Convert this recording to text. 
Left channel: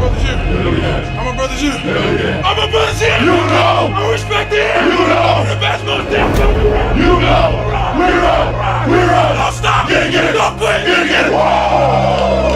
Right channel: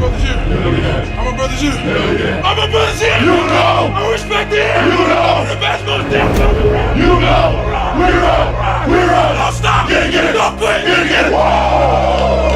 brother's you. I'm my brother's you. I'm my brother's you. You know. I respect it. You know. The best most damn coming around. You know. We're up. Don't stop. Get it. Don't quit. Get it. Whoa.